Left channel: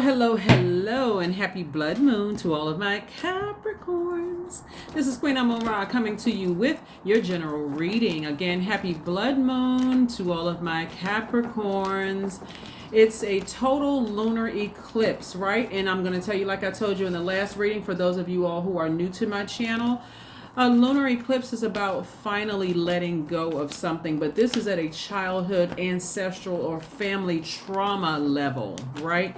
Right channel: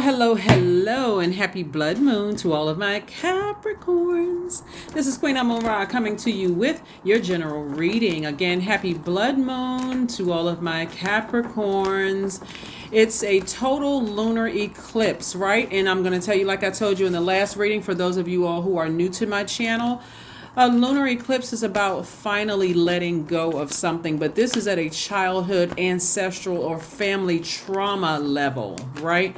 Hello, and happy blood moon to all of my Capricorns. This is Queen Amon-Ra coming to you with your general reading. Again, happy blood moon to all of my Capricorns. It's a total lunar eclipse, right? And I'm going to tell you, like I told you in the last reading, for those of you all who are new to my channel, a lunar eclipse is about finally letting go of something, but this is at a childhood, ancestral, or family trauma level, right?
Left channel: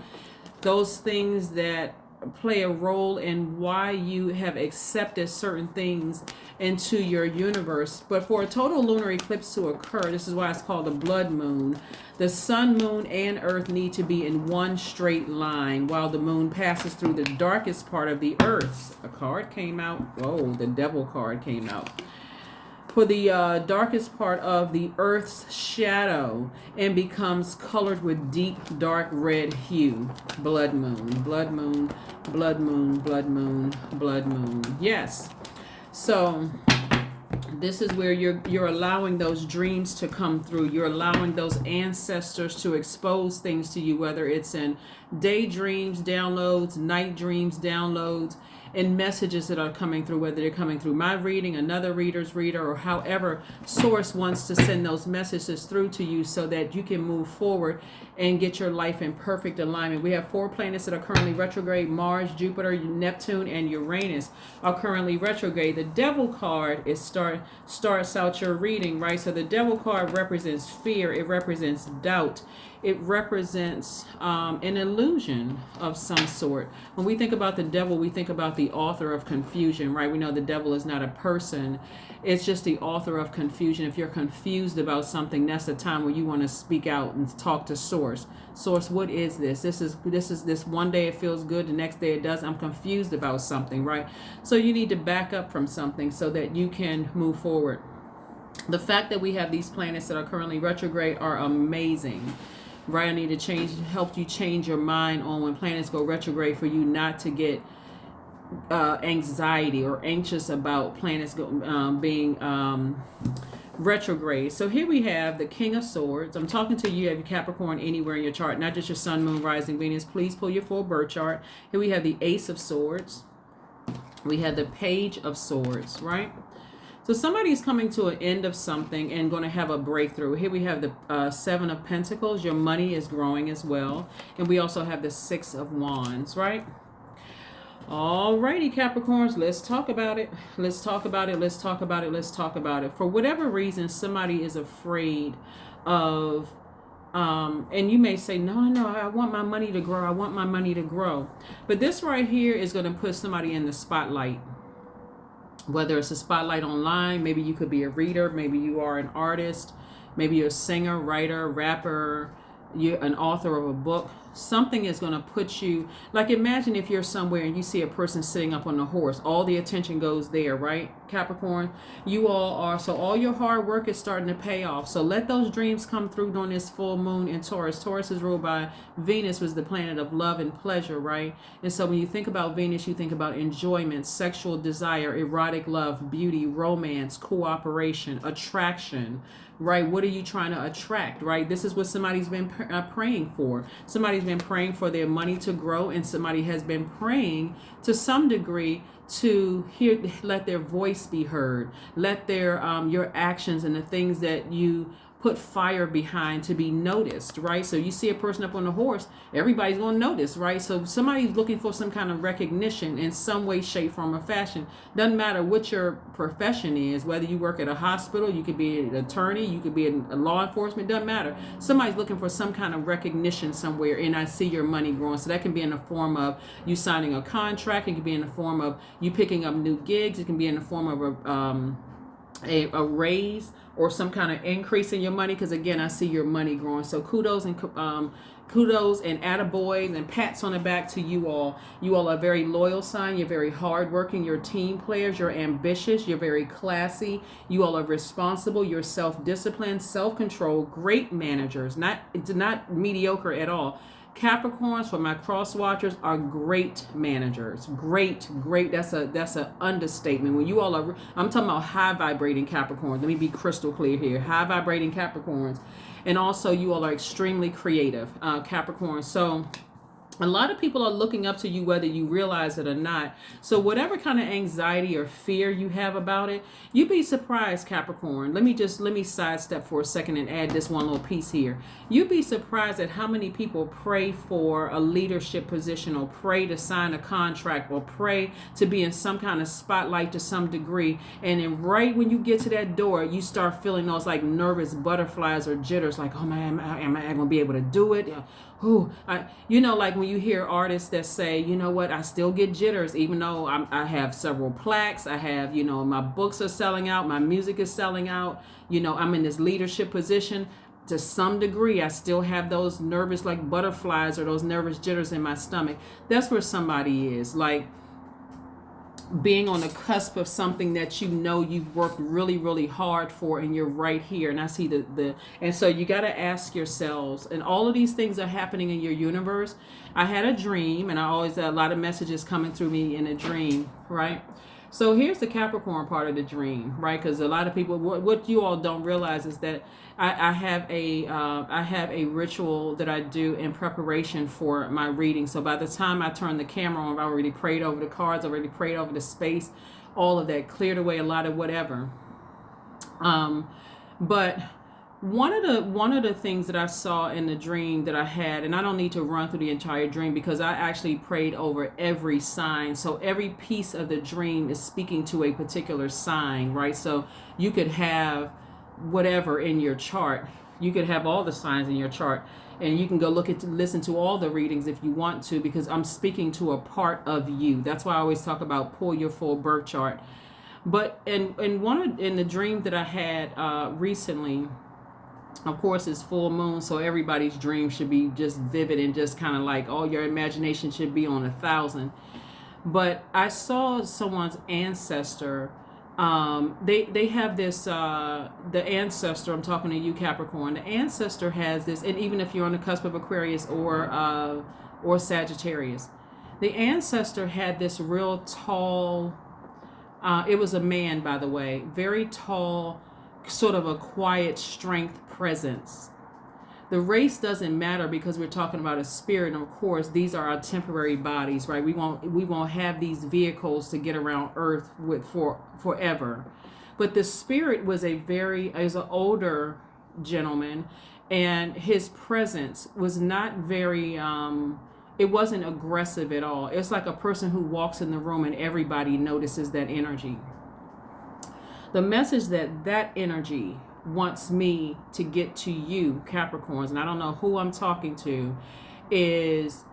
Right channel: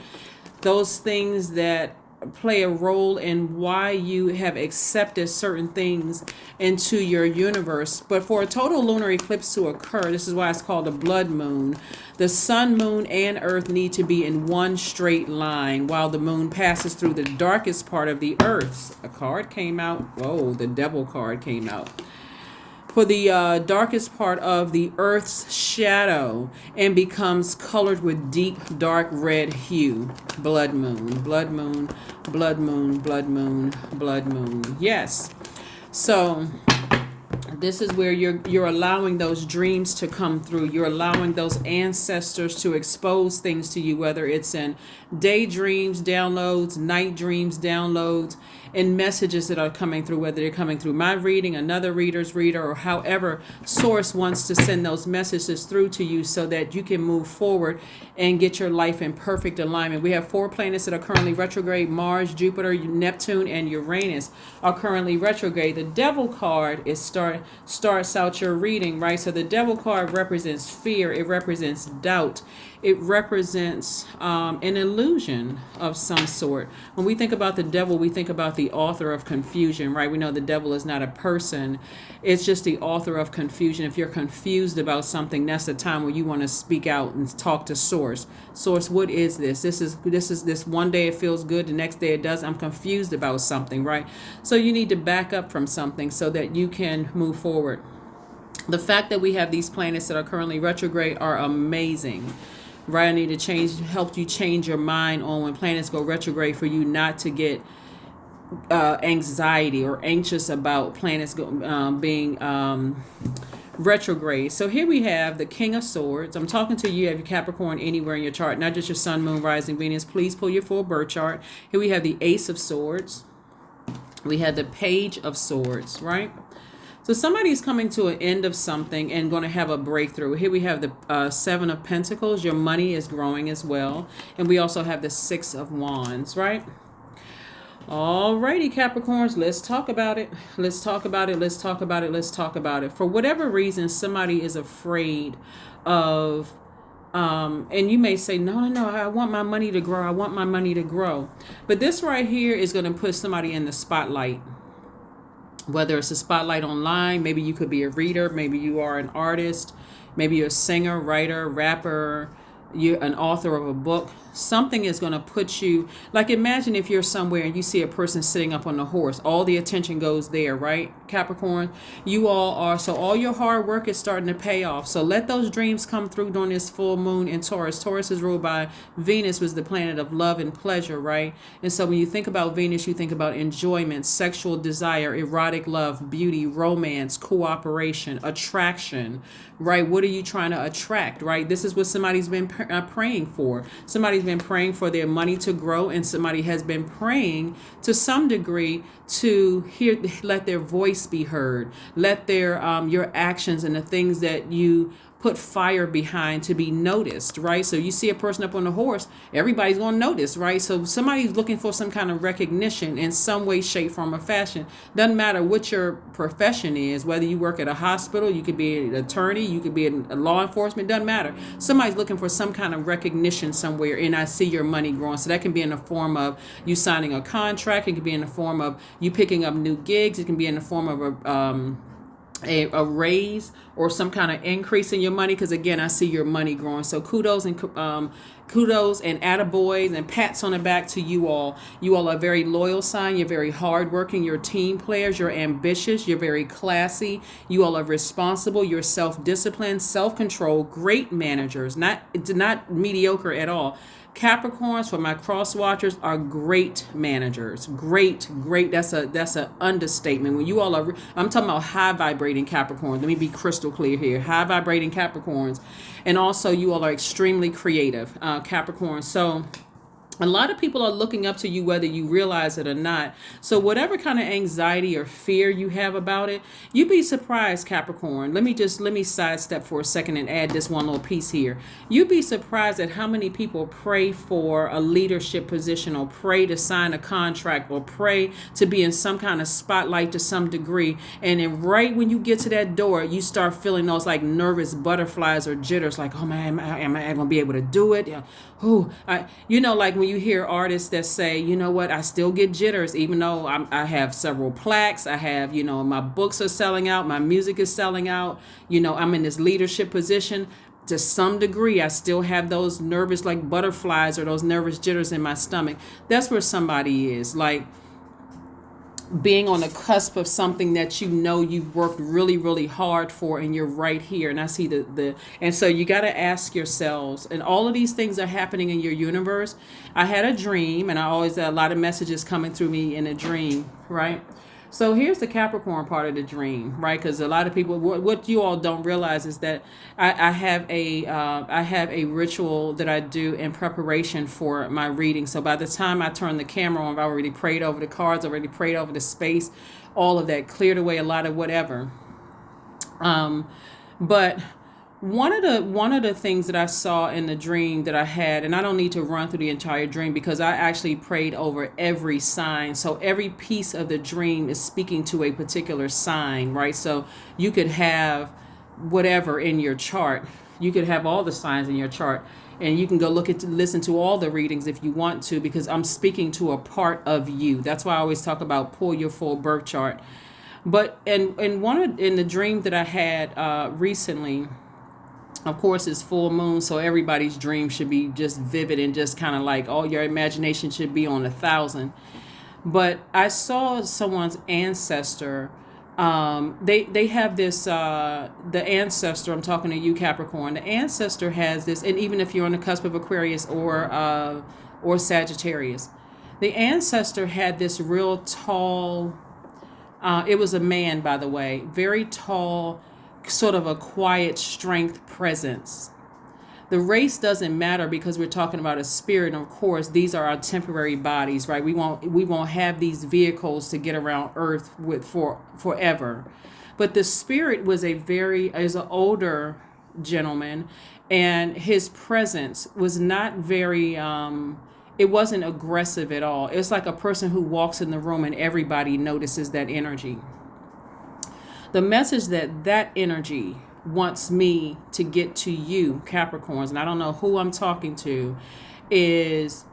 Those things that play a role in why you have accepted certain things into your universe. But for a total lunar eclipse to occur, this is why it's called a blood moon. The sun, moon, and earth need to be in one straight line while the moon passes through the darkest part of the earth. A card came out. Whoa, the devil card came out. For the darkest part of the earth's shadow and becomes colored with deep dark red hue. Blood moon, blood moon, blood moon, blood moon, blood moon. Yes. So this is where you're allowing those dreams to come through. You're allowing those ancestors to expose things to you, whether it's in daydreams, downloads, night dreams, downloads, and messages that are coming through, whether they're coming through my reading, another reader's reader, or however source wants to send those messages through to you so that you can move forward and get your life in perfect alignment. We have 4 planets that are currently retrograde. Mars, Jupiter, Neptune, and Uranus are currently retrograde. The devil card is starts out your reading, right? So the devil card represents fear. It represents doubt. It represents an illusion of some sort. When we think about the devil, we think about the author of confusion, right? We know the devil is not a person. It's just the author of confusion. If you're confused about something, that's the time where you want to speak out and talk to source. Source, what is this? This is one day it feels good, the next day it does. I'm confused about something, right? So you need to back up from something so that you can move forward. The fact that we have these planets that are currently retrograde are amazing. Right, I need to help you change your mind on when planets go retrograde for you not to get anxiety or anxious about planets being retrograde. So here we have the King of Swords. I'm talking to you, have your Capricorn anywhere in your chart, not just your Sun, Moon, Rising, Venus. Please pull your full birth chart. Here we have the Ace of Swords. We have the Page of Swords, right? So somebody's coming to an end of something and going to have a breakthrough. Here we have the 7 of Pentacles. Your money is growing as well. And we also have the 6 of Wands, right? Alrighty, Capricorns, let's talk about it. Let's talk about it. Let's talk about it. Let's talk about it. For whatever reason, somebody is afraid of, and you may say, no, I want my money to grow. I want my money to grow. But this right here is going to put somebody in the spotlight. Whether it's a spotlight online, maybe you could be a reader, maybe you are an artist, maybe you're a singer, writer, rapper, you're an author of a book. Something is going to put you, like imagine if you're somewhere and you see a person sitting up on a horse, all the attention goes there, right? Capricorn, you all are, so all your hard work is starting to pay off. So let those dreams come through during this full moon in Taurus. Taurus is ruled by Venus, was the planet of love and pleasure, right? And so when you think about Venus, you think about enjoyment, sexual desire, erotic love, beauty, romance, cooperation, attraction, right? What are you trying to attract, right? This is what somebody's been praying for. Somebody's been praying for their money to grow, and somebody has been praying to some degree to let their voice be heard, let their your actions and the things that you put fire behind to be noticed, right? So you see a person up on a horse, everybody's going to notice, right? So somebody's looking for some kind of recognition in some way, shape, form, or fashion. Doesn't matter what your profession is, whether you work at a hospital, you could be an attorney, you could be a law enforcement, doesn't matter. Somebody's looking for some kind of recognition somewhere, and I see your money growing. So that can be in the form of you signing a contract. It can be in the form of you picking up new gigs. It can be in the form of a raise or some kind of increase in your money, because again, I see your money growing. So kudos and attaboys and pats on the back to you all. You all are a very loyal sign. You're very hardworking. You're team players. You're ambitious. You're very classy. You all are responsible. You're self-disciplined, self-control, great managers, not mediocre at all. Capricorns, for my cross watchers, are great managers. Great. That's a understatement. When you all are, I'm talking about high vibrating Capricorns. Let me be crystal clear here. High vibrating Capricorns. And also you all are extremely creative, Capricorns. So A lot of people are looking up to you whether you realize it or not. So whatever kind of anxiety or fear you have about it, you'd be surprised, Capricorn. Let me sidestep for a second and add this one little piece here. You'd be surprised at how many people pray for a leadership position, or pray to sign a contract, or pray to be in some kind of spotlight to some degree, and then right when you get to that door, you start feeling those like nervous butterflies or jitters, like, oh man, am I gonna be able to do it? Yeah. Like when you hear artists that say, you know what, I still get jitters, even though I have several plaques, I have, my books are selling out, my music is selling out, I'm in this leadership position. To some degree, I still have those nervous like butterflies or those nervous jitters in my stomach. That's where somebody is, like being on the cusp of something that you've worked really, really hard for, and you're right here. And I see and so you got to ask yourselves, and all of these things are happening in your universe. I had a dream, and I always had a lot of messages coming through me in a dream, right? So here's the Capricorn part of the dream, right? Because a lot of people, what you all don't realize is that I have a ritual that I do in preparation for my reading. So by the time I turn the camera on, I've already prayed over the cards, already prayed over the space, all of that, cleared away a lot of whatever. But one of the things that I saw in the dream that I had, and I don't need to run through the entire dream because I actually prayed over every sign. So every piece of the dream is speaking to a particular sign, right? So you could have whatever in your chart. You could have all the signs in your chart, and you can go listen to all the readings if you want to, because I'm speaking to a part of you. That's why I always talk about pull your full birth chart. But in the dream that I had recently, of course, it's full moon, so everybody's dream should be just vivid and just kind of like, all your imagination should be on 1,000. But I saw someone's ancestor. They have this, the ancestor, I'm talking to you, Capricorn. The ancestor has this, and even if you're on the cusp of Aquarius or Sagittarius, the ancestor had this real tall, it was a man, by the way, very tall, sort of a quiet strength presence. The race doesn't matter because we're talking about a spirit, and of course these are our temporary bodies, right? We won't have these vehicles to get around Earth with for forever. But the spirit was is an older gentleman, and his presence was not very it wasn't aggressive at all. It's like a person who walks in the room and everybody notices that energy. The message that energy wants me to get to you, Capricorns, and I don't know who I'm talking to, is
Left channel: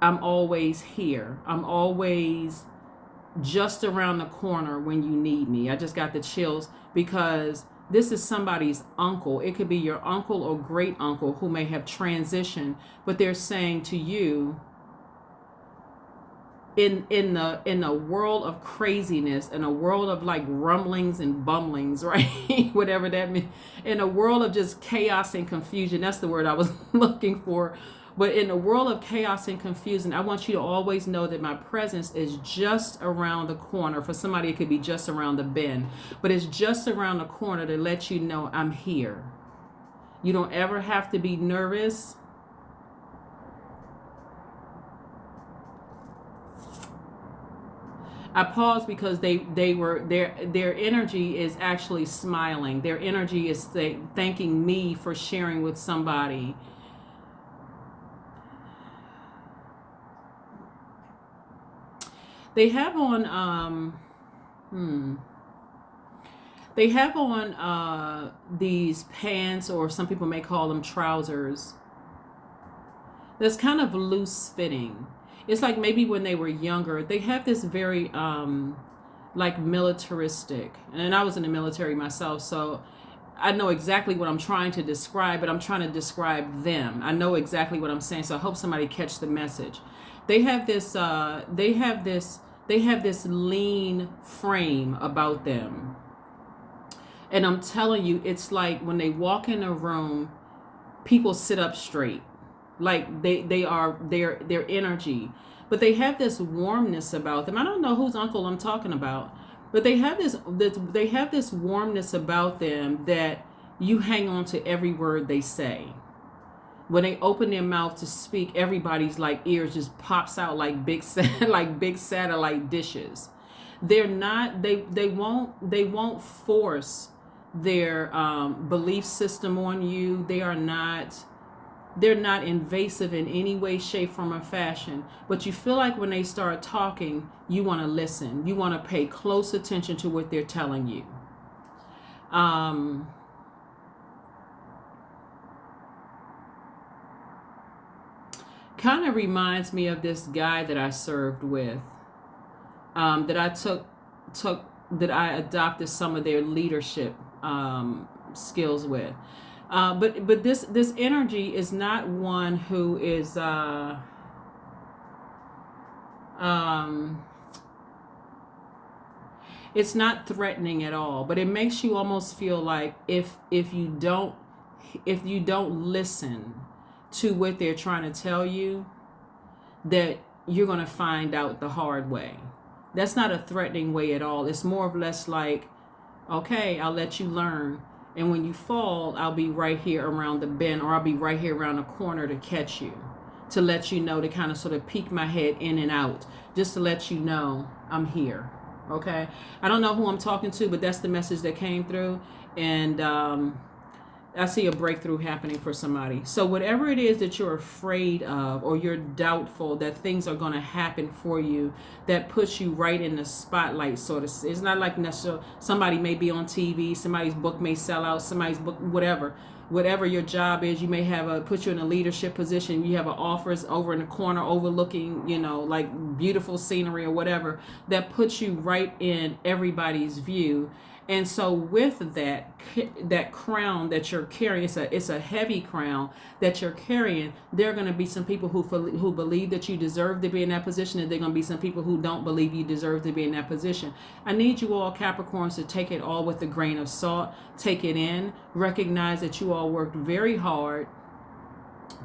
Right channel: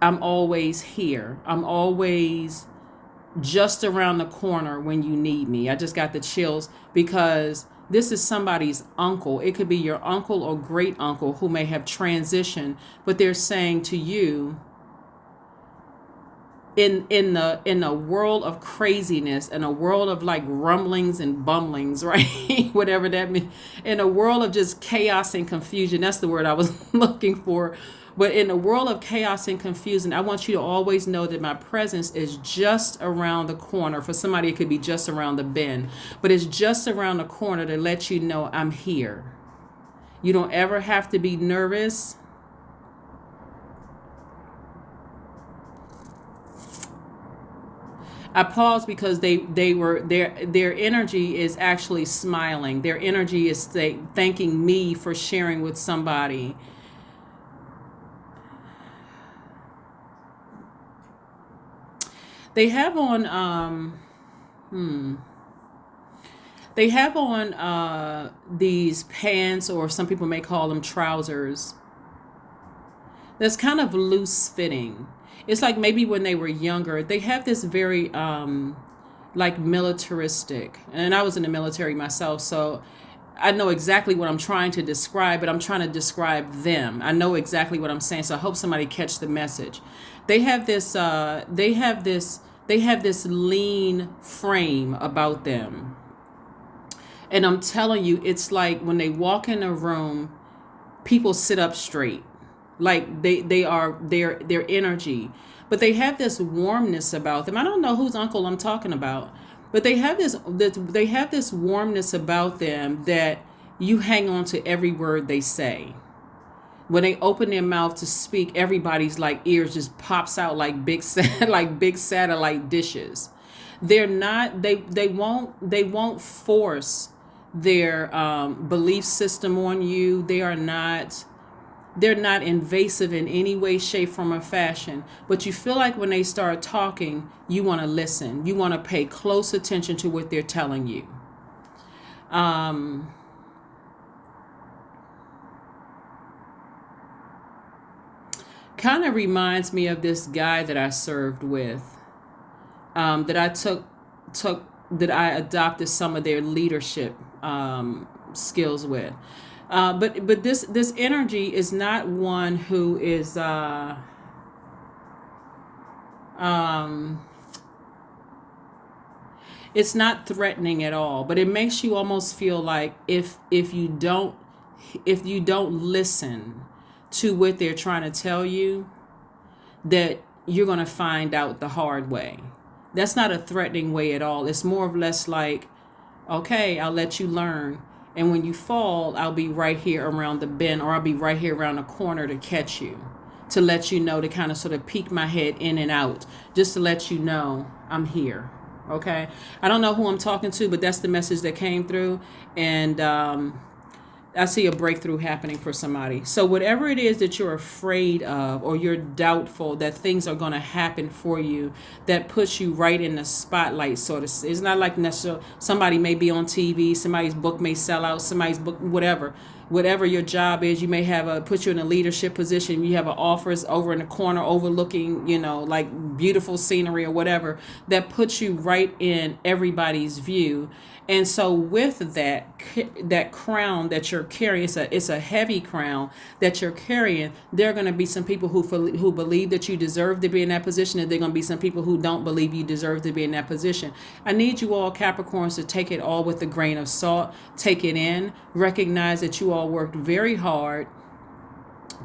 I'm always here. I'm always just around the corner when you need me. I just got the chills because this is somebody's uncle. It could be your uncle or great uncle who may have transitioned, but they're saying to you, in the world of craziness, in a world of like rumblings and bumblings, right? Whatever that means, in a world of just chaos and confusion, that's the word I was looking for. But in a world of chaos and confusion, I want you to always know that my presence is just around the corner. For somebody, it could be just around the bend, but it's just around the corner to let you know I'm here. You don't ever have to be nervous. I pause because their energy is actually smiling. Their energy is thanking me for sharing with somebody. They have on these pants, or some people may call them trousers, that's kind of loose fitting. It's like maybe when they were younger, they have this very like militaristic. And I was in the military myself, so I know exactly what I'm trying to describe, but I'm trying to describe them. I know exactly what I'm saying, so I hope somebody catch the message. They have this lean frame about them. And I'm telling you, it's like when they walk in a room, people sit up straight. Like they are their energy. But they have this warmness about them. I don't know whose uncle I'm talking about, but they have this warmness about them that you hang on to every word they say. when they open their mouth to speak, everybody's like ears just pops out like like big satellite dishes. They're not, they won't force their belief system on you. They're not invasive in any way, shape, form, or fashion. But you feel like when they start talking, you want to listen. You want to pay close attention to what they're telling you. Kind of reminds me of this guy that I served with, that I took that I adopted some of their leadership skills with. But this energy is not one who is it's not threatening at all, but it makes you almost feel like if you don't listen to what they're trying to tell you, that you're going to find out the hard way. That's not a threatening way at all. It's more or less like, okay, I'll let you learn. And when you fall, I'll be right here around the bend, or I'll be right here around the corner to catch you, to let you know, to kind of sort of peek my head in and out, just to let you know I'm here. Okay. I don't know who I'm talking to, but that's the message that came through. And I see a breakthrough happening for somebody. So whatever it is that you're afraid of, or you're doubtful that things are going to happen for you, that puts you right in the spotlight, sort of. It's not like necessarily somebody may be on TV, somebody's book may sell out, somebody's book, whatever your job is, you may have put you in a leadership position. You have an office over in the corner overlooking, like beautiful scenery or whatever, that puts you right in everybody's view. And so with that crown that you're carrying, it's a heavy crown that you're carrying. There are going to be some people who believe that you deserve to be in that position, and there are going to be some people who don't believe you deserve to be in that position. I need you all Capricorns to take it all with a grain of salt. Take it in. Recognize that you all worked very hard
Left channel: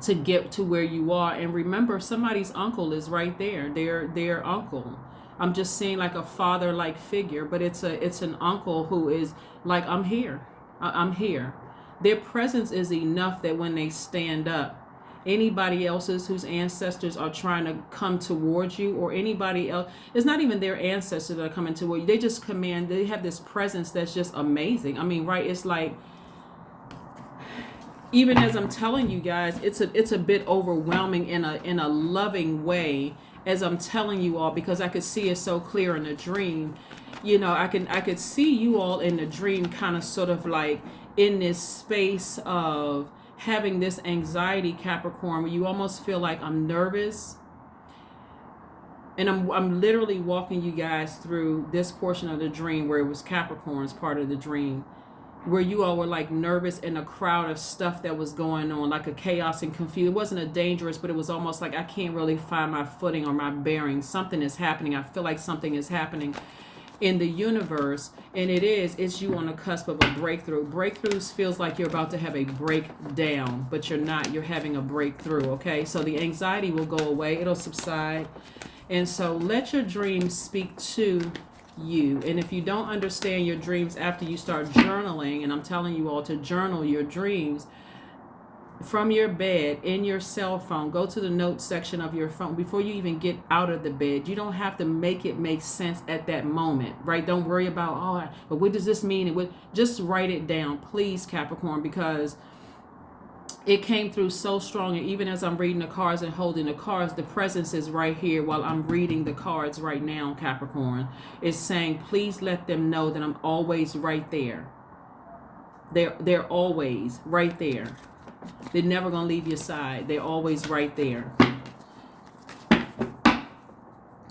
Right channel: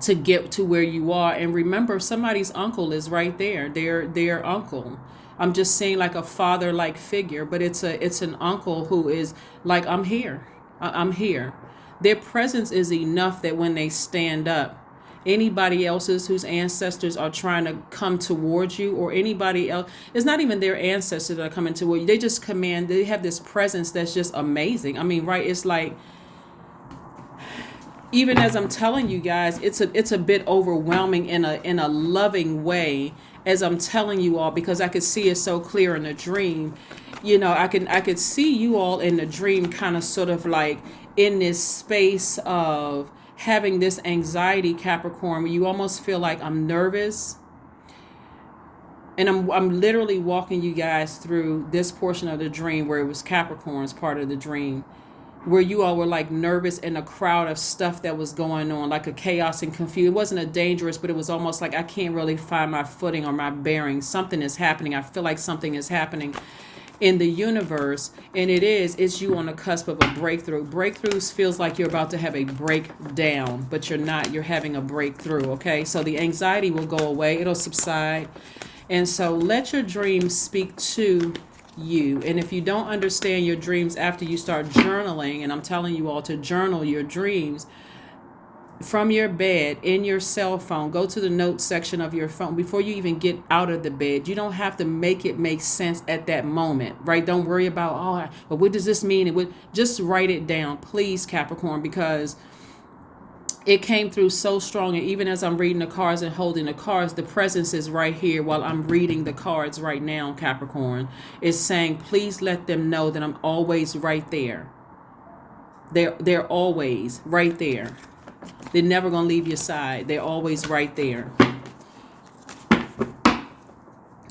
to get to where you are, and remember, somebody's uncle is right there. Their uncle. I'm just saying, like a father-like figure, but it's an uncle who is like, I'm here. I'm here. Their presence is enough that when they stand up, anybody else's whose ancestors are trying to come towards you, or anybody else, it's not even their ancestors that are coming toward you. They just command. They have this presence that's just amazing. I mean, right? It's like, even as I'm telling you guys, it's a bit overwhelming in a loving way, as I'm telling you all, because I could see it so clear in the dream. I could see you all in the dream, kind of sort of like in this space of having this anxiety, Capricorn, where you almost feel like, I'm nervous. And I'm literally walking you guys through this portion of the dream where it was Capricorn's part of the dream, where you all were like nervous in a crowd of stuff that was going on, like a chaos and confusion. It wasn't a dangerous, but it was almost like I can't really find my footing or my bearings. Something is happening. I feel like something is happening in the universe, and it's you on the cusp of a breakthrough. Breakthroughs feels like you're about to have a breakdown, but you're not. You're having a breakthrough, okay? So the anxiety will go away. It'll subside. And so let your dreams speak to you. And if you don't understand your dreams after you start journaling, and I'm telling you all to journal your dreams from your bed, in your cell phone, go to the notes section of your phone before you even get out of the bed. You don't have to make it make sense at that moment, right? Don't worry about, but what does this mean? Just write it down, please, Capricorn, because it came through so strong. And even as I'm reading the cards and holding the cards, the presence is right here while I'm reading the cards right now, Capricorn. It's saying, please let them know that I'm always right there. They're always right there. They're never going to leave your side. They're always right there.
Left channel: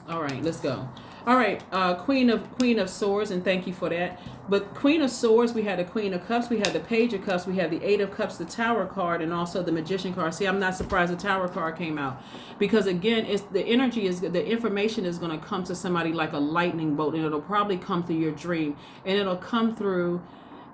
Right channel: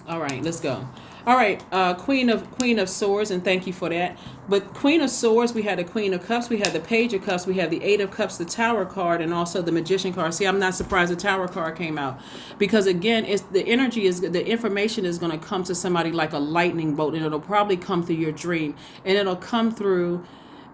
All right, let's go. All right, Queen of Swords, and thank you for that. But Queen of Swords, we had the Queen of Cups, we had the Page of Cups, we had the Eight of Cups, the Tower card, and also the Magician card. See, I'm not surprised the Tower card came out, because again, the information is going to come to somebody like a lightning bolt, and it'll probably come through your dream, and it'll come through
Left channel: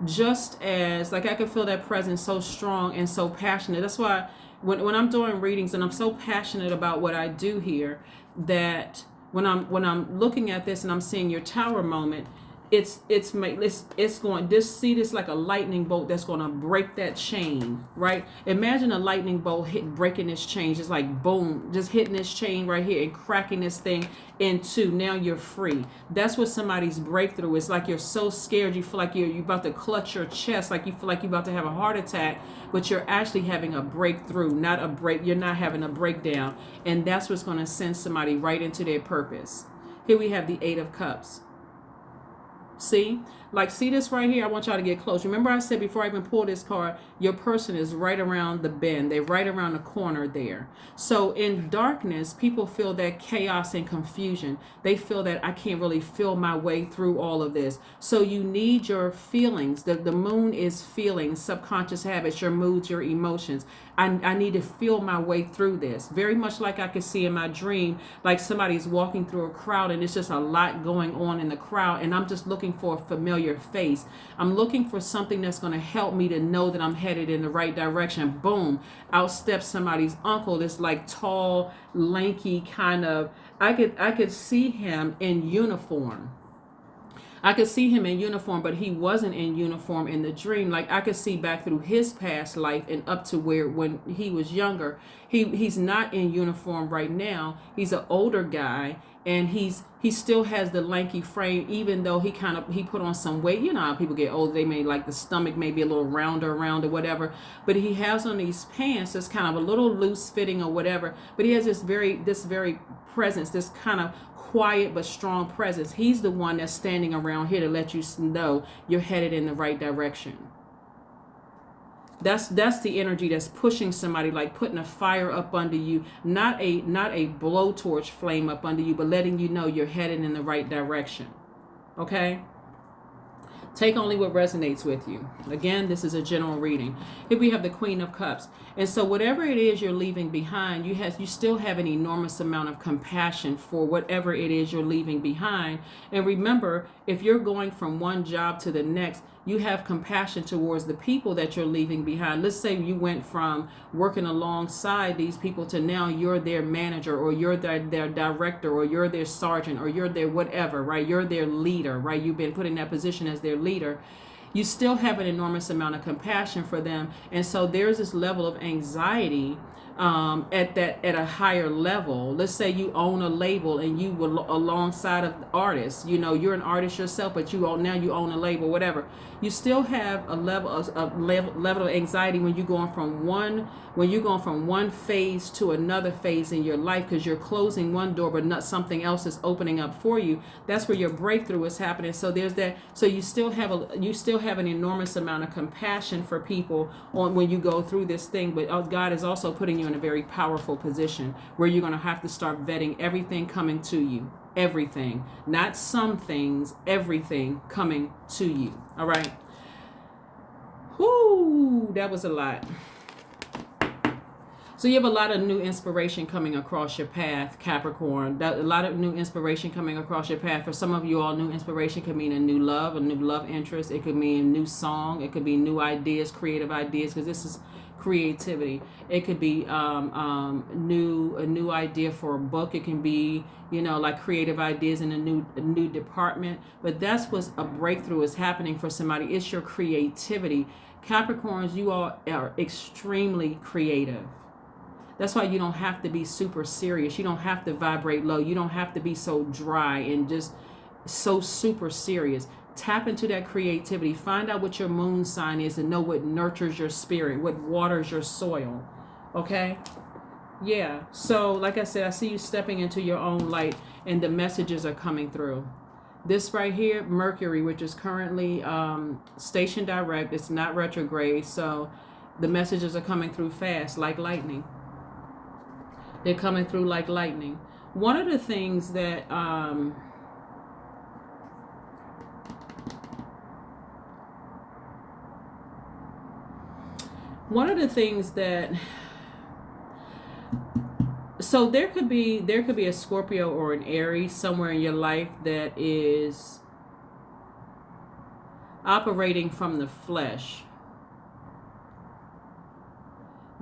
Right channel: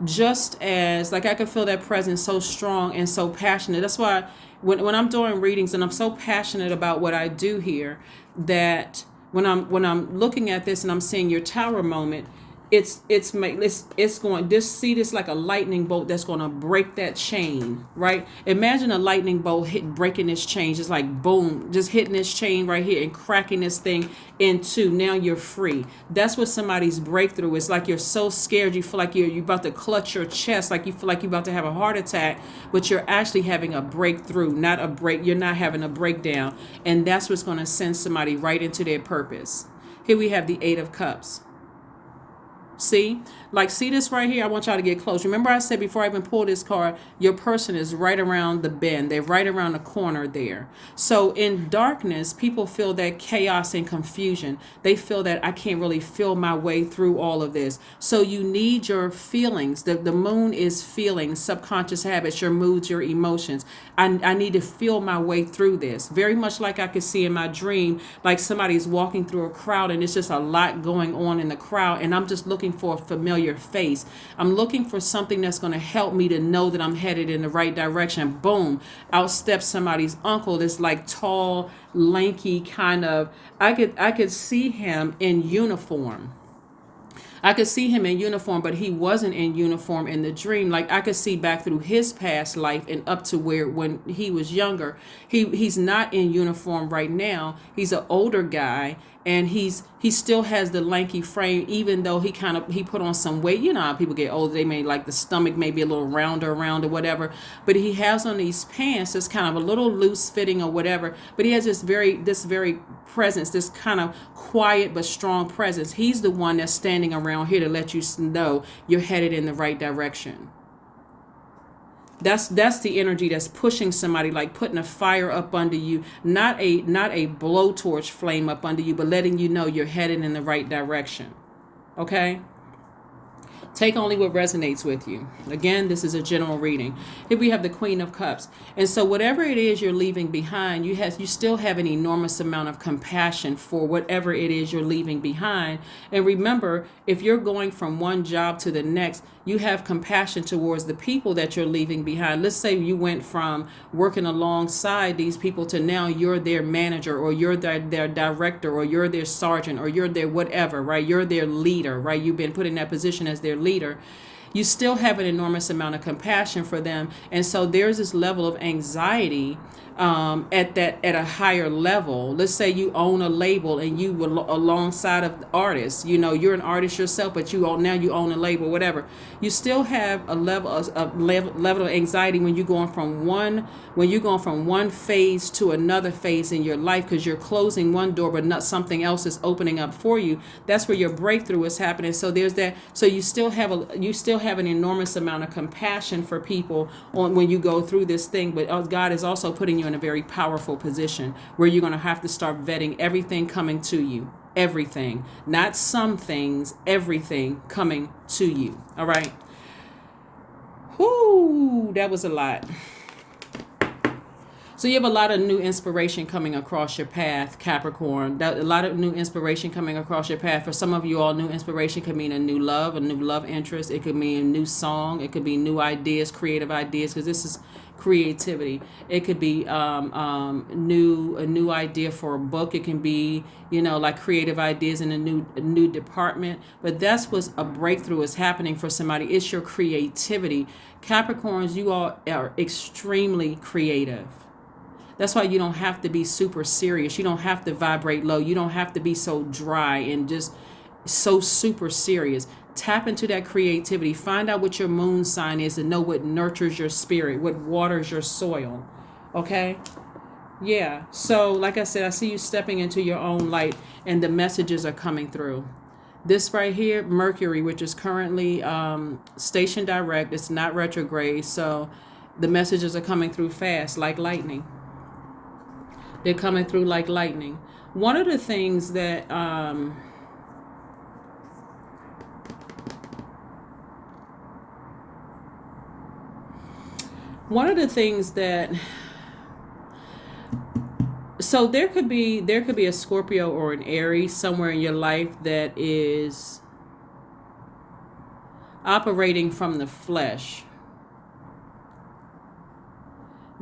just as, like, I can feel that presence so strong and so passionate. That's why when I'm doing readings and I'm so passionate about what I do here, that when I'm looking at this and I'm seeing your Tower moment, it's going, this, see this like a lightning bolt that's going to break that chain, right? Imagine a lightning bolt breaking this chain, just like boom, just hitting this chain right here and cracking this thing in two. Now you're free. That's what somebody's breakthrough is. Like you're so scared, you feel like you're about to clutch your chest, like you feel like you're about to have a heart attack, but you're actually having a breakthrough, not a break. You're not having a breakdown, and that's what's going to send somebody right into their purpose. Here we have the Eight of Cups. See, like, see this right here? I want y'all to get close. Remember I said before I even pulled this card, your person is right around the bend. They're right around the corner there. So in darkness, people feel that chaos and confusion. They feel that I can't really feel my way through all of this. So you need your feelings. The moon is feelings, subconscious habits, your moods, your emotions. I need to feel my way through this. Very much like I could see in my dream, like somebody's walking through a crowd and it's just a lot going on in the crowd. And I'm just looking for a familiar face. I'm looking for something that's going to help me to know that I'm headed in the right direction. Boom, out steps somebody's uncle. This like tall, lanky kind of, I could see him in uniform. I could see him in uniform, but he wasn't in uniform in the dream. Like I could see back through his past life and up to where when he was younger. He's not in uniform right now. He's an older guy, and he still has the lanky frame, even though he put on some weight. You know how people get older, they may like the stomach may be a little rounder around or whatever. But he has on these pants that's kind of a little loose fitting or whatever. But he has this very presence, this kind of quiet but strong presence. He's the one that's standing around here to let you know you're headed in the right direction. That's the energy that's pushing somebody, like putting a fire up under you, not a blowtorch flame up under you, but letting you know you're headed in the right direction. Okay? Take only what resonates with you. Again, this is a general reading. Here we have the Queen of Cups. And so whatever it is you're leaving behind, you still have an enormous amount of compassion for whatever it is you're leaving behind. And remember, if you're going from one job to the next, you have compassion towards the people that you're leaving behind. Let's say you went from working alongside these people to now you're their manager, or you're their director, or you're their sergeant, or you're their whatever, right? You're their leader, right? You've been put in that position as their leader. You still have an enormous amount of compassion for them. And so there's this level of anxiety at a higher level. Let's say you own a label and you were alongside of artists. You know, you're an artist yourself, but now you own a label, whatever. You still have a level of anxiety when you're going from one phase to another phase in your life, because you're closing one door but not something else is opening up for you. That's where your breakthrough is happening. So there's that. So you still have an enormous amount of compassion for people when you go through this thing. But God is also putting you in a very powerful position where you're going to have to start vetting everything coming to you. Everything, not some things, everything coming to you. All right. Whoo, that was a lot. So you have a lot of new inspiration coming across your path, Capricorn. A lot of new inspiration coming across your path. For some of you all, new inspiration could mean a new love interest. It could mean a new song. It could be new ideas, creative ideas, because this is creativity. It could be a new idea for a book. It can be, like creative ideas in a new department. But that's what a breakthrough is happening for somebody. It's your creativity. Capricorns, you all are extremely creative. That's why you don't have to be super serious. You don't have to vibrate low. You don't have to be so dry and just so super serious. Tap into that creativity. Find out what your moon sign is and know what nurtures your spirit, what waters your soil. Okay? Yeah. So, like I said, I see you stepping into your own light and the messages are coming through. This right here, Mercury, which is currently station direct. It's not retrograde. So the messages are coming through fast, like lightning. They're coming through like lightning. One of the things that... So there could be a Scorpio or an Aries somewhere in your life that is operating from the flesh.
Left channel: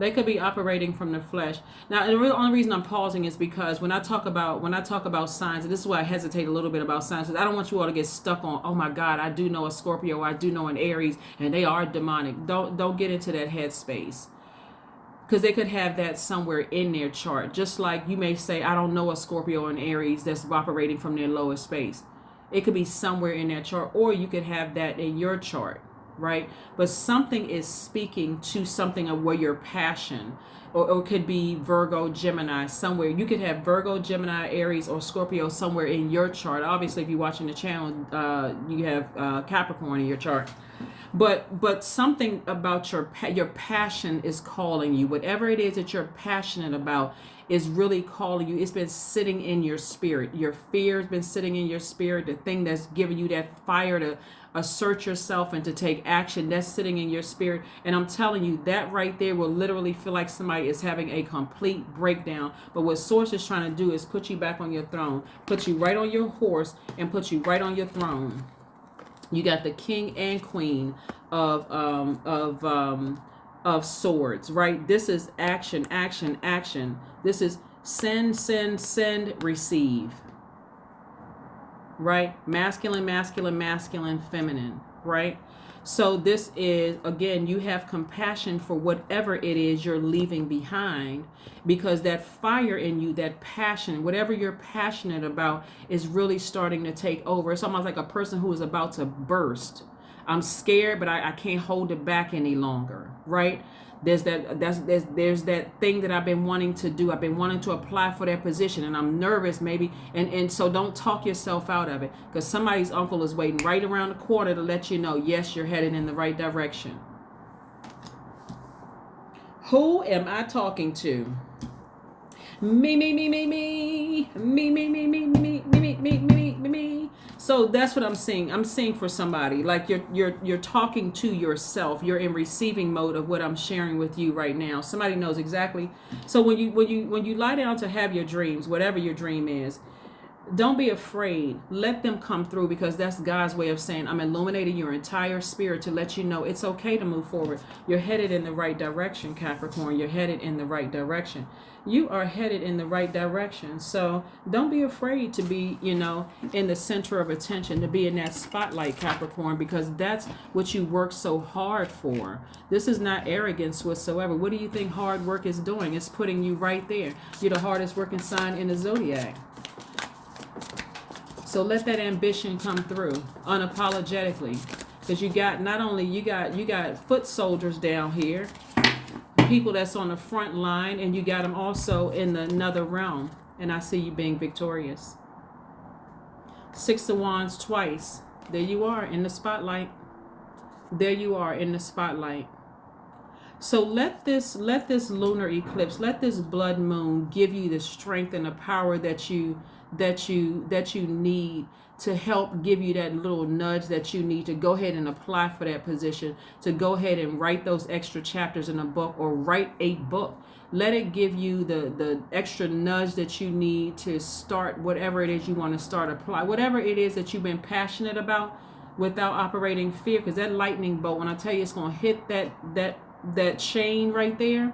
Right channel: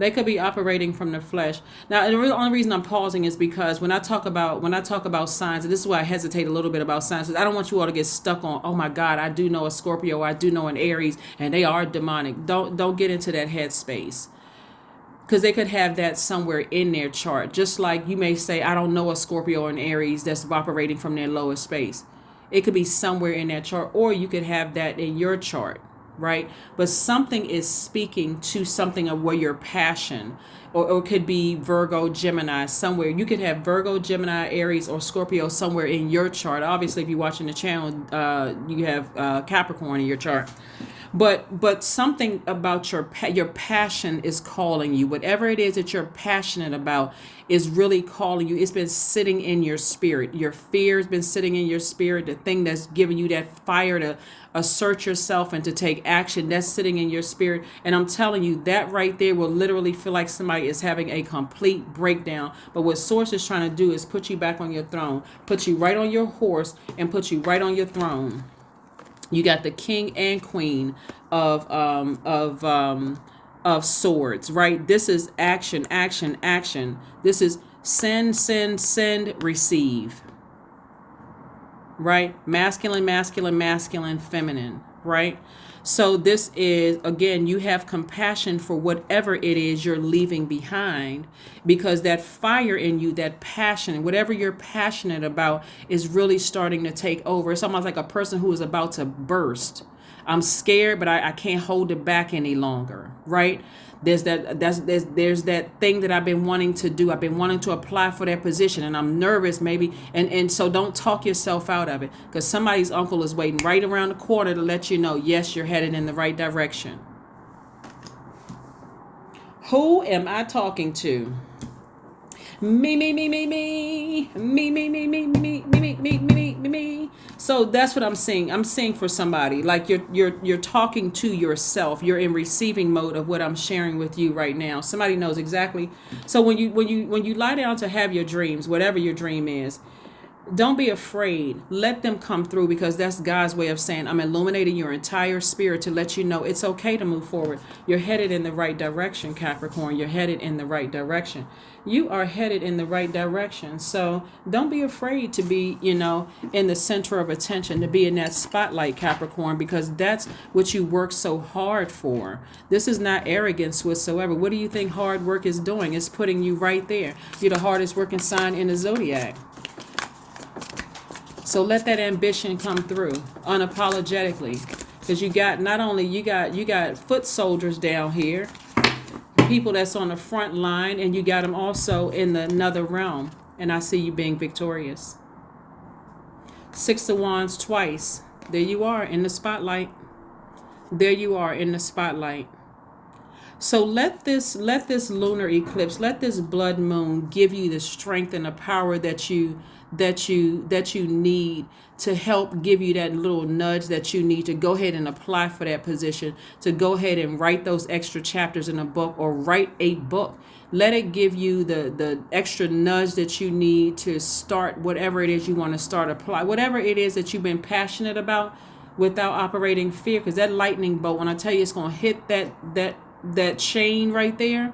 They could be operating from the flesh. Now, the only reason I'm pausing is because when I talk about signs, and this is why I hesitate a little bit about signs, because I don't want you all to get stuck on, oh my God, I do know a Scorpio, or I do know an Aries, and they are demonic. Don't get into that headspace, because they could have that somewhere in their chart. Just like you may say, I don't know a Scorpio or an Aries that's operating from their lowest space. It could be somewhere in that chart, or you could have that in your chart, right? But something is speaking to something of where your passion, or it could be Virgo, Gemini, somewhere. You could have Virgo, Gemini, Aries, or Scorpio somewhere in your chart. Obviously, if you're watching the channel, you have Capricorn in your chart. But something about your passion is calling you. Whatever it is that you're passionate about is really calling you. It's been sitting in your spirit. Your fear has been sitting in your spirit. The thing that's giving you that fire to assert yourself and to take action, that's sitting in your spirit. And I'm telling you, that right there will literally feel like somebody is having a complete breakdown. But what Source is trying to do is put you back on your throne, put you right on your horse, and put you right on your throne. You got the king and queen of swords, right? This is action, action, action. This is send, send, send, receive, right? Masculine, masculine, masculine, feminine, right? So this is, again, you have compassion for whatever it is you're leaving behind, because that fire in you, that passion, whatever you're passionate about is really starting to take over. It's almost like a person who is about to burst. I'm scared, but I can't hold it back any longer, right? There's that thing that I've been wanting to do. I've been wanting to apply for that position, and I'm nervous maybe. And so don't talk yourself out of it, because somebody's uncle is waiting right around the corner to let you know, yes, you're headed in the right direction. Who am I talking to? Me, me, me, me, me, me, me, me, me, me, me, me, me, me, me, me. So that's what I'm saying. I'm saying for somebody, like you're talking to yourself. You're in receiving mode of what I'm sharing with you right now. Somebody knows exactly. So when you lie down to have your dreams, whatever your dream is, don't be afraid. Let them come through, because that's God's way of saying, I'm illuminating your entire spirit to let you know it's okay to move forward. You're headed in the right direction, Capricorn. You're headed in the right direction. You are headed in the right direction. So don't be afraid to be, in the center of attention, to be in that spotlight, Capricorn, because that's what you work so hard for. This is not arrogance whatsoever. What do you think hard work is doing? It's putting you right there. You're the hardest working sign in the Zodiac. So let that ambition come through unapologetically, because you got foot soldiers down here, people that's on the front line, and you got them also in another realm. And I see you being victorious. 6 of Wands twice. There you are in the spotlight. There you are in the spotlight. So let this lunar eclipse, let this blood moon give you the strength and the power that you need to help give you that little nudge that you need to go ahead and apply for that position, to go ahead and write those extra chapters in a book, or write a book. Let it give you the extra nudge that you need to start whatever it is you want to start, apply whatever it is that you've been passionate about, without operating fear. Because that lightning bolt, when I tell you it's going to hit that chain right there,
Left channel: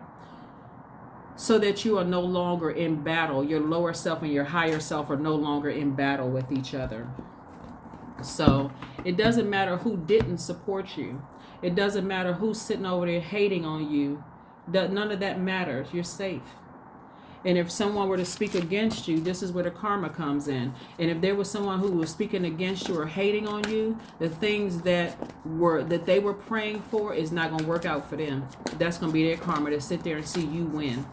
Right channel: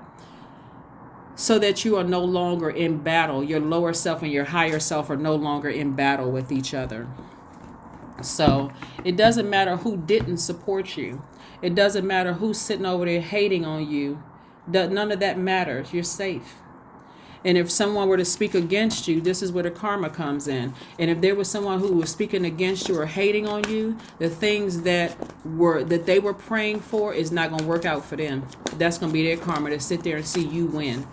so that you are no longer in battle. Your lower self and your higher self are no longer in battle with each other. So it doesn't matter who didn't support you. It doesn't matter who's sitting over there hating on you. None of that matters. You're safe. And if someone were to speak against you, this is where the karma comes in. And if there was someone who was speaking against you or hating on you, the things that they were praying for is not going to work out for them. That's going to be their karma, to sit there and see you win,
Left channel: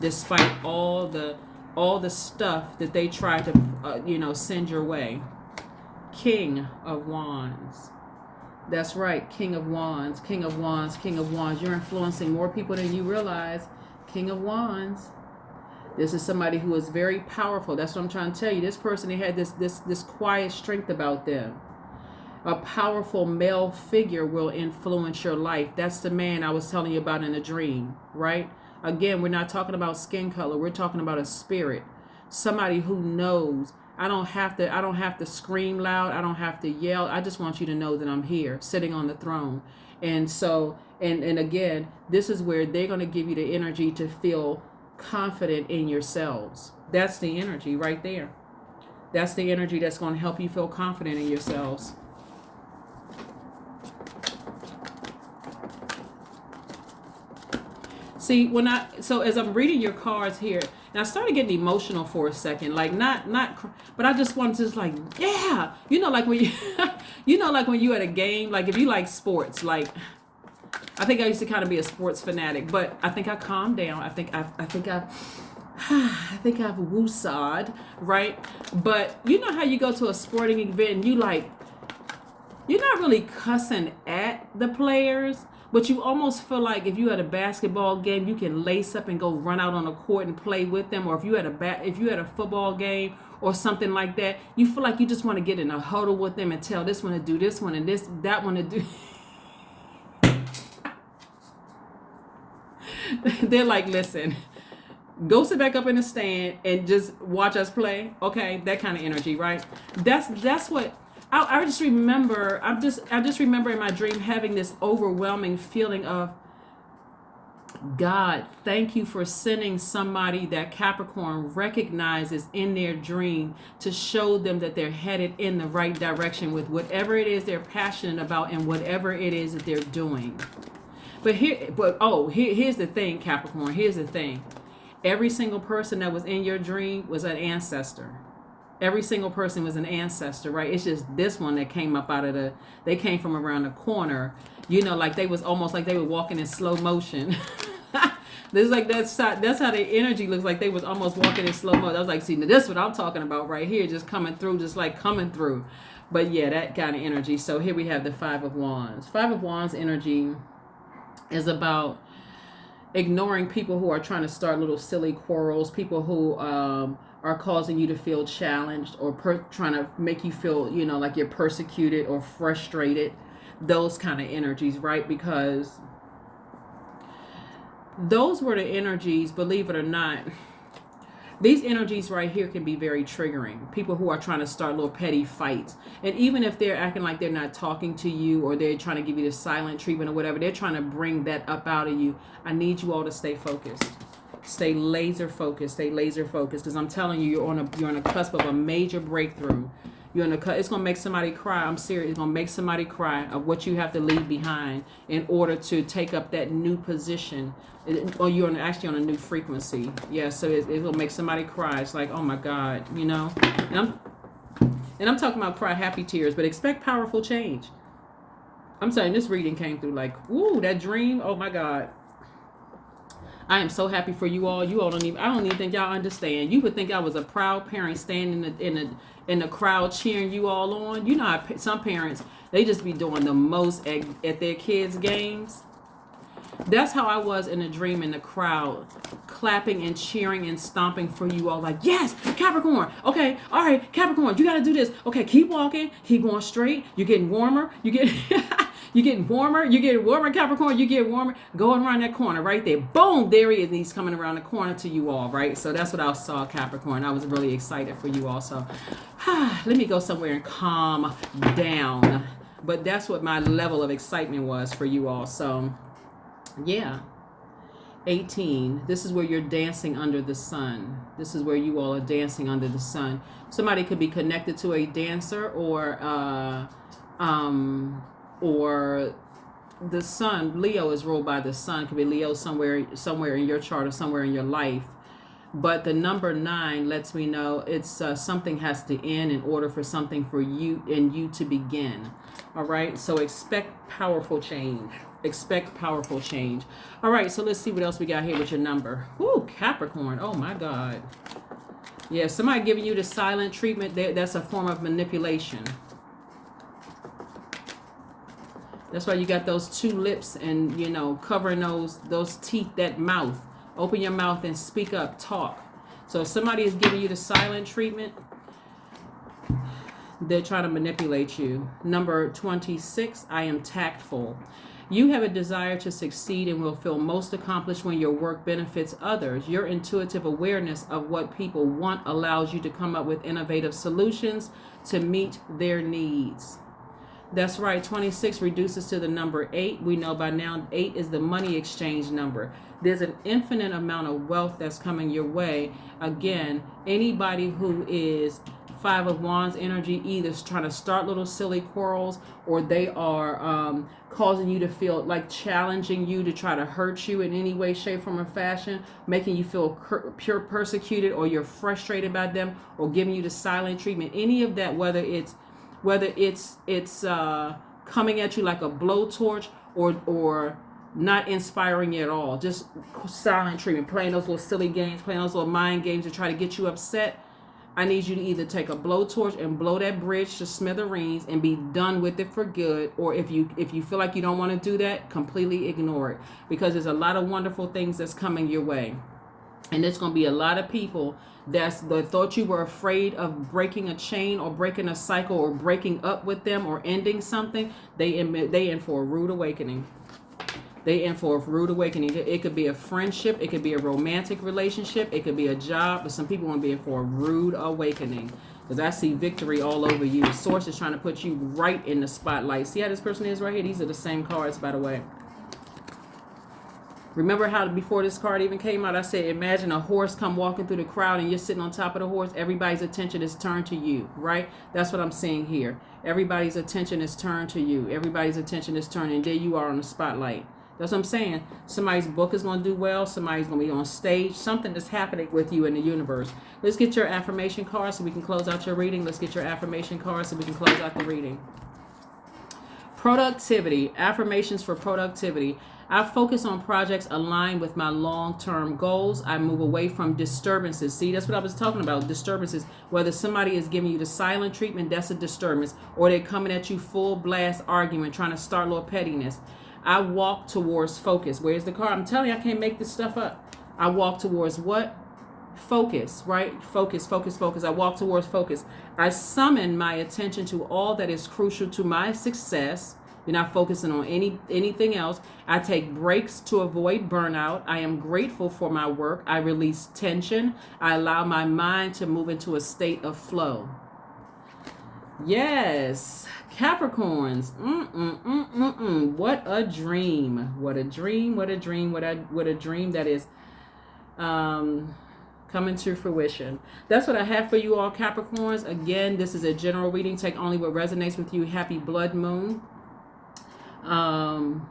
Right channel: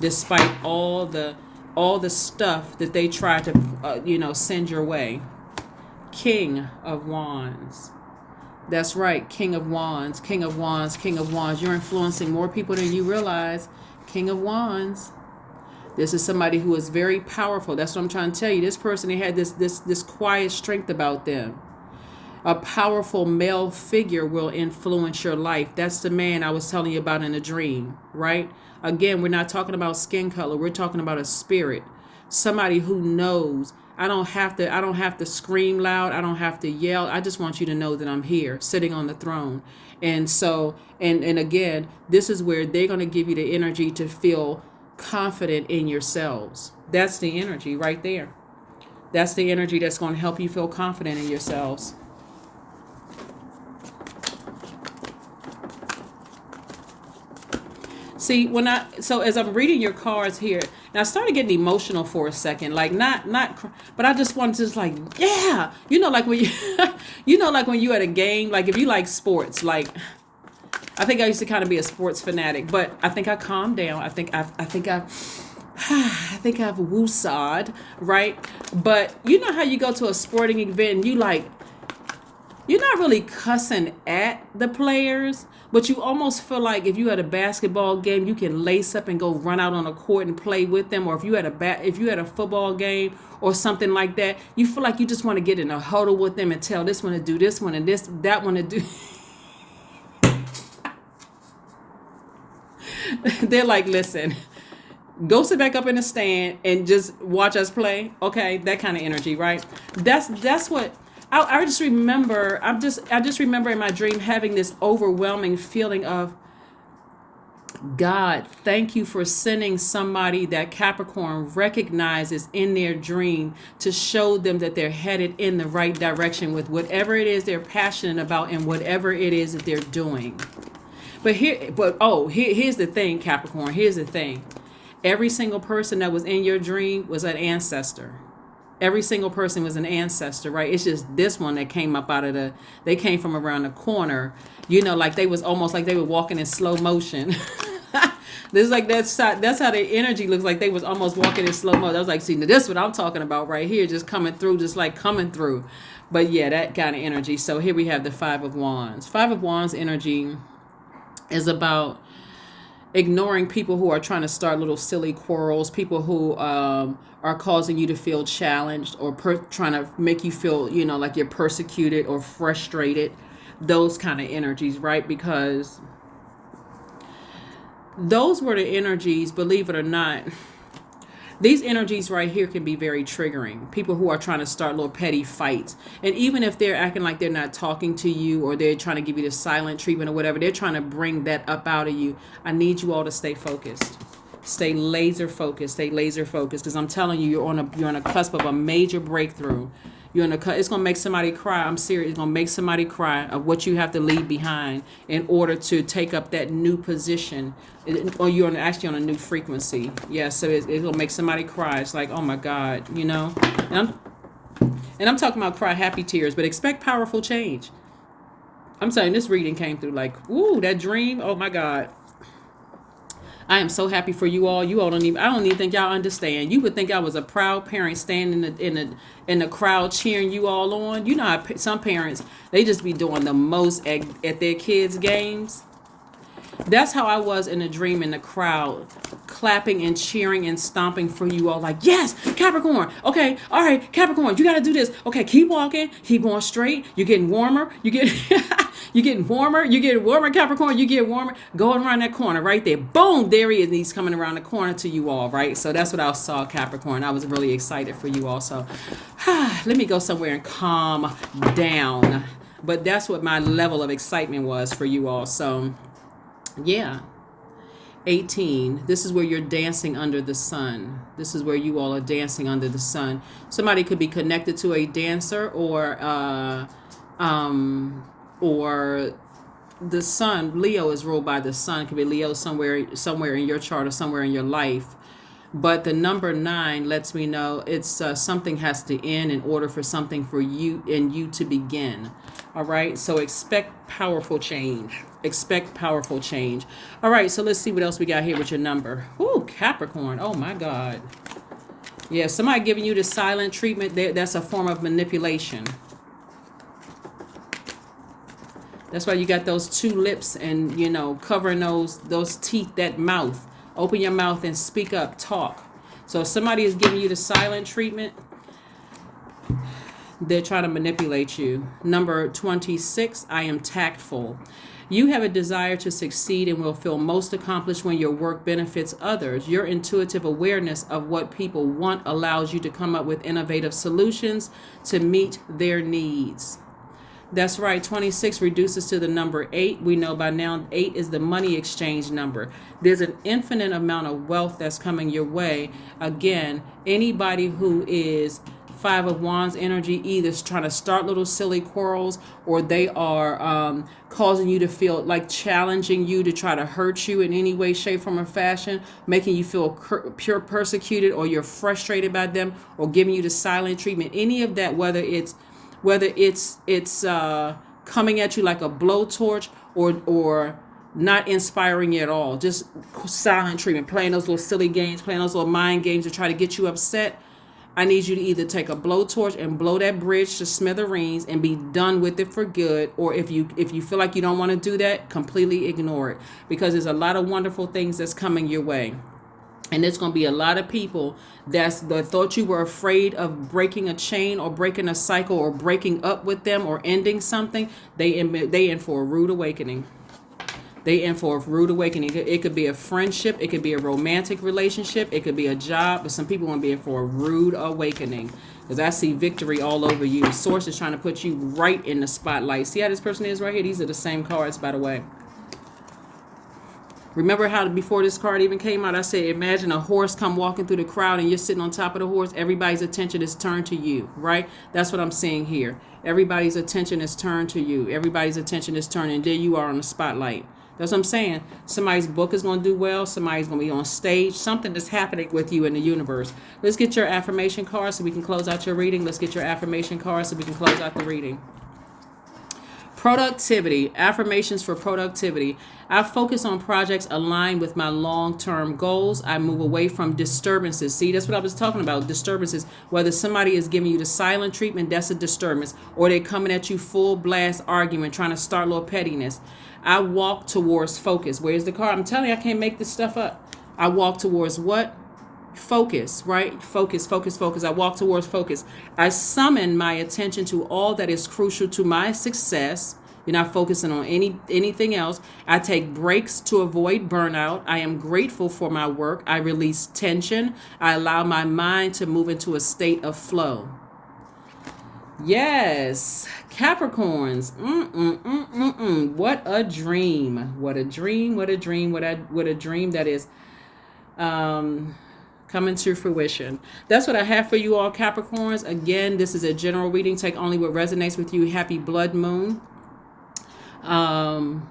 despite all the stuff that they tried to send your way. King of Wands. That's right, King of Wands, King of Wands, King of Wands. You're influencing more people than you realize. King of Wands. This is somebody who is very powerful. That's what I'm trying to tell you. This person, they had this quiet strength about them. A powerful male figure will influence your life. That's the man I was telling you about in a dream, right? Again, we're not talking about skin color. We're talking about a spirit. Somebody who knows. I don't have to scream loud. I don't have to yell. I just want you to know that I'm here, sitting on the throne. And so, and again, this is where they're going to give you the energy to feel confident in yourselves. That's the energy right there. That's the energy that's going to help you feel confident in yourselves. See, so as I'm reading your cards here, and I started getting emotional for a second, like but I just wanted to just like, yeah, like when you, like when you at a game, like if you like sports, like I think I used to kind of be a sports fanatic, but I think I calmed down. I think I've woosawed, right? But you know how you go to a sporting event and you're not really cussing at the players, but you almost feel like if you had a basketball game, you can lace up and go run out on a court and play with them. Or if you had a football game or something like that, you feel like you just want to get in a huddle with them and tell this one to do this one and that one to do. They're like, listen, go sit back up in the stand and just watch us play. Okay, that kind of energy, right? That's what I just remember. I just remember in my dream having this overwhelming feeling of, God, thank you for sending somebody that Capricorn recognizes in their dream to show them that they're headed in the right direction with whatever it is they're passionate about and whatever it is that they're doing. Here's the thing, Capricorn. Here's the thing. Every single person that was in your dream was an ancestor. Every single person was an ancestor, right? It's just this one that came up they came from around the corner, like they was almost like they were walking in slow motion. This is like that's how their energy looks like. They was almost walking in slow motion. I was like, see, now this is what I'm talking about right here, just coming through. But yeah, that kind of energy. So here we have the Five of Wands. Five of Wands energy is about ignoring people who are trying to start little silly quarrels, people who are causing you to feel challenged or trying to make you feel, like you're persecuted or frustrated, those kind of energies, right? Because those were the energies, believe it or not. These energies right here can be very triggering. People who are trying to start little petty fights. And even if they're acting like they're not talking to you or they're trying to give you the silent treatment or whatever, they're trying to bring that up out of you. I need you all to stay focused. Stay laser focused. Stay laser focused. Because I'm telling you, you're on a cusp of a major breakthrough. It's going to make somebody cry. I'm serious. It's going to make somebody cry of what you have to leave behind in order to take up that new position. Or you're actually on a new frequency. Yeah, so it'll make somebody cry. It's like, oh my God, And I'm talking about cry happy tears, but expect powerful change. I'm saying this reading came through like, ooh, that dream. Oh my God. I am so happy for you all. You all I don't even think y'all understand. You would think I was a proud parent standing in the crowd cheering you all on. You know how some parents, they just be doing the most at their kids' games. That's how I was in a dream in the crowd, clapping and cheering and stomping for you all like, yes, Capricorn. Okay, all right, Capricorn, you got to do this. Okay, keep walking, keep going straight. You're getting warmer. You're getting warmer, Capricorn. You get warmer. Go around that corner right there. Boom, there he is. And he's coming around the corner to you all, right? So that's what I saw, Capricorn. I was really excited for you all. So let me go somewhere and calm down. But that's what my level of excitement was for you all. So yeah. 18. This is where you're dancing under the sun. This is where you all are dancing under the sun. Somebody could be connected to a dancer or the sun. Leo is ruled by the sun. It could be Leo somewhere in your chart or somewhere in your life. But the number 9 lets me know it's something has to end in order for something for you to begin. All right. So expect powerful change. Expect powerful change. All right. So let's see what else we got here with your number. Ooh, Capricorn. Oh my God. Yeah. Somebody giving you the silent treatment. That's a form of manipulation. That's why you got those 2 lips and, covering those teeth, that mouth. Open your mouth and speak up, talk. So if somebody is giving you the silent treatment, they're trying to manipulate you. Number 26, I am tactful. You have a desire to succeed and will feel most accomplished when your work benefits others. Your intuitive awareness of what people want allows you to come up with innovative solutions to meet their needs. That's right. 26 reduces to the number 8. We know by now 8 is the money exchange number. There's an infinite amount of wealth that's coming your way. Again, anybody who is Five of Wands energy either is trying to start little silly quarrels, or they are causing you to feel like challenging you to try to hurt you in any way, shape, form, or fashion, making you feel pure persecuted, or you're frustrated by them, or giving you the silent treatment. Any of that, whether it's coming at you like a blowtorch, or not inspiring you at all, just silent treatment, playing those little silly games, playing those little mind games to try to get you upset. I need you to either take a blowtorch and blow that bridge to smithereens and be done with it for good, or if you feel like you don't want to do that, completely ignore it, because there's a lot of wonderful things that's coming your way. And there's going to be a lot of people that thought you were afraid of breaking a chain or breaking a cycle or breaking up with them or ending something. They in for a rude awakening. They in for a rude awakening. It could be a friendship. It could be a romantic relationship. It could be a job. But some people want to be in for a rude awakening, because I see victory all over you. The source is trying to put you right in the spotlight. See how this person is right here? These are the same cards, by the way. Remember how before this card even came out, I said, imagine a horse come walking through the crowd and you're sitting on top of the horse. Everybody's attention is turned to you, right? That's what I'm seeing here. Everybody's attention is turned to you. Everybody's attention is turned, and there you are on the spotlight. That's what I'm saying. Somebody's book is going to do well. Somebody's going to be on stage. Something is happening with you in the universe. Let's get your affirmation card so we can close out your reading. Let's get your affirmation card so we can close out the reading. Productivity. Affirmations for productivity. I focus on projects aligned with my long-term goals. I move away from disturbances. See, that's what I was talking about, disturbances. Whether somebody is giving you the silent treatment, that's a disturbance. Or they're coming at you full blast argument, trying to start a little pettiness. I walk towards focus. Where's the card? I'm telling you, I can't make this stuff up. I walk towards what? Focus, right? Focus, focus, focus. I walk towards focus. I summon my attention to all that is crucial to my success. You're not focusing on anything else. I take breaks to avoid burnout. I am grateful for my work. I release tension. I allow my mind to move into a state of flow. Yes, Capricorns. What a dream. What a dream. What a dream. What a dream that is coming to fruition. That's what I have for you all, Capricorns. Again, this is a general reading. Take only what resonates with you. Happy blood moon. And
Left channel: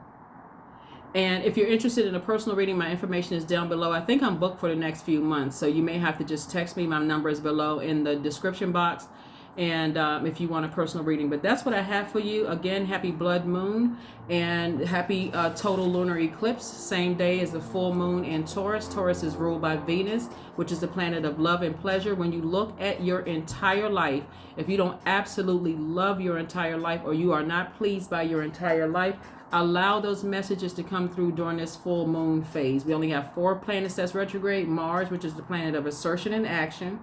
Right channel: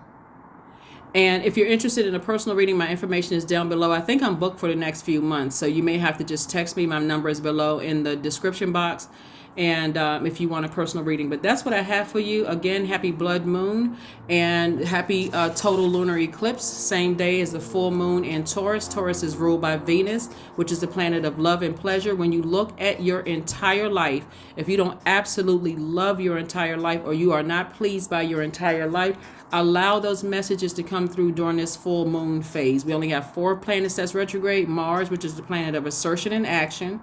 if you're interested in a personal reading, my information is down below. I think I'm booked for the next few months, so you may have to just text me. My number is below in the description box. And if you want a personal reading. But that's what I have for you. Again, happy blood moon and happy total lunar eclipse. Same day as the full moon in Taurus. Taurus is ruled by Venus, which is the planet of love and pleasure. When you look at your entire life, if you don't absolutely love your entire life, or you are not pleased by your entire life, allow those messages to come through during this full moon phase. We only have 4 planets that's retrograde. Mars, which is the planet of assertion and action,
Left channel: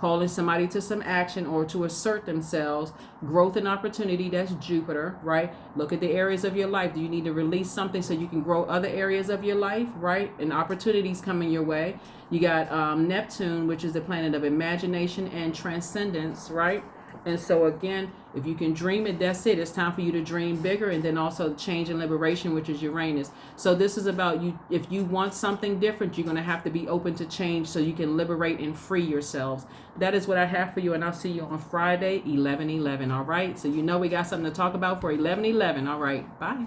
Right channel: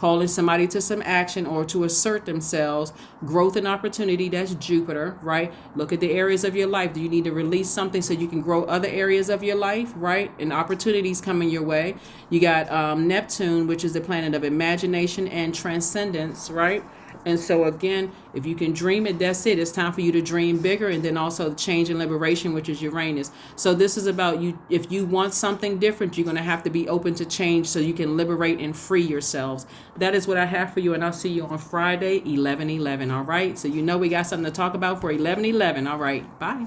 calling somebody to some action or to assert themselves. Growth and opportunity, that's Jupiter, right? Look at the areas of your life. Do you need to release something so you can grow other areas of your life, right? And opportunities coming your way. You got Neptune, which is the planet of imagination and transcendence, right? And so again, if you can dream it, that's it. It's time for you to dream bigger. And then also change and liberation, which is Uranus. So this is about you. If you want something different, you're going to have to be open to change so you can liberate and free yourselves. That is what I have for you. And I'll see you on Friday, 11/11. All right. So you know we got something to talk about for 11/11. All right. Bye.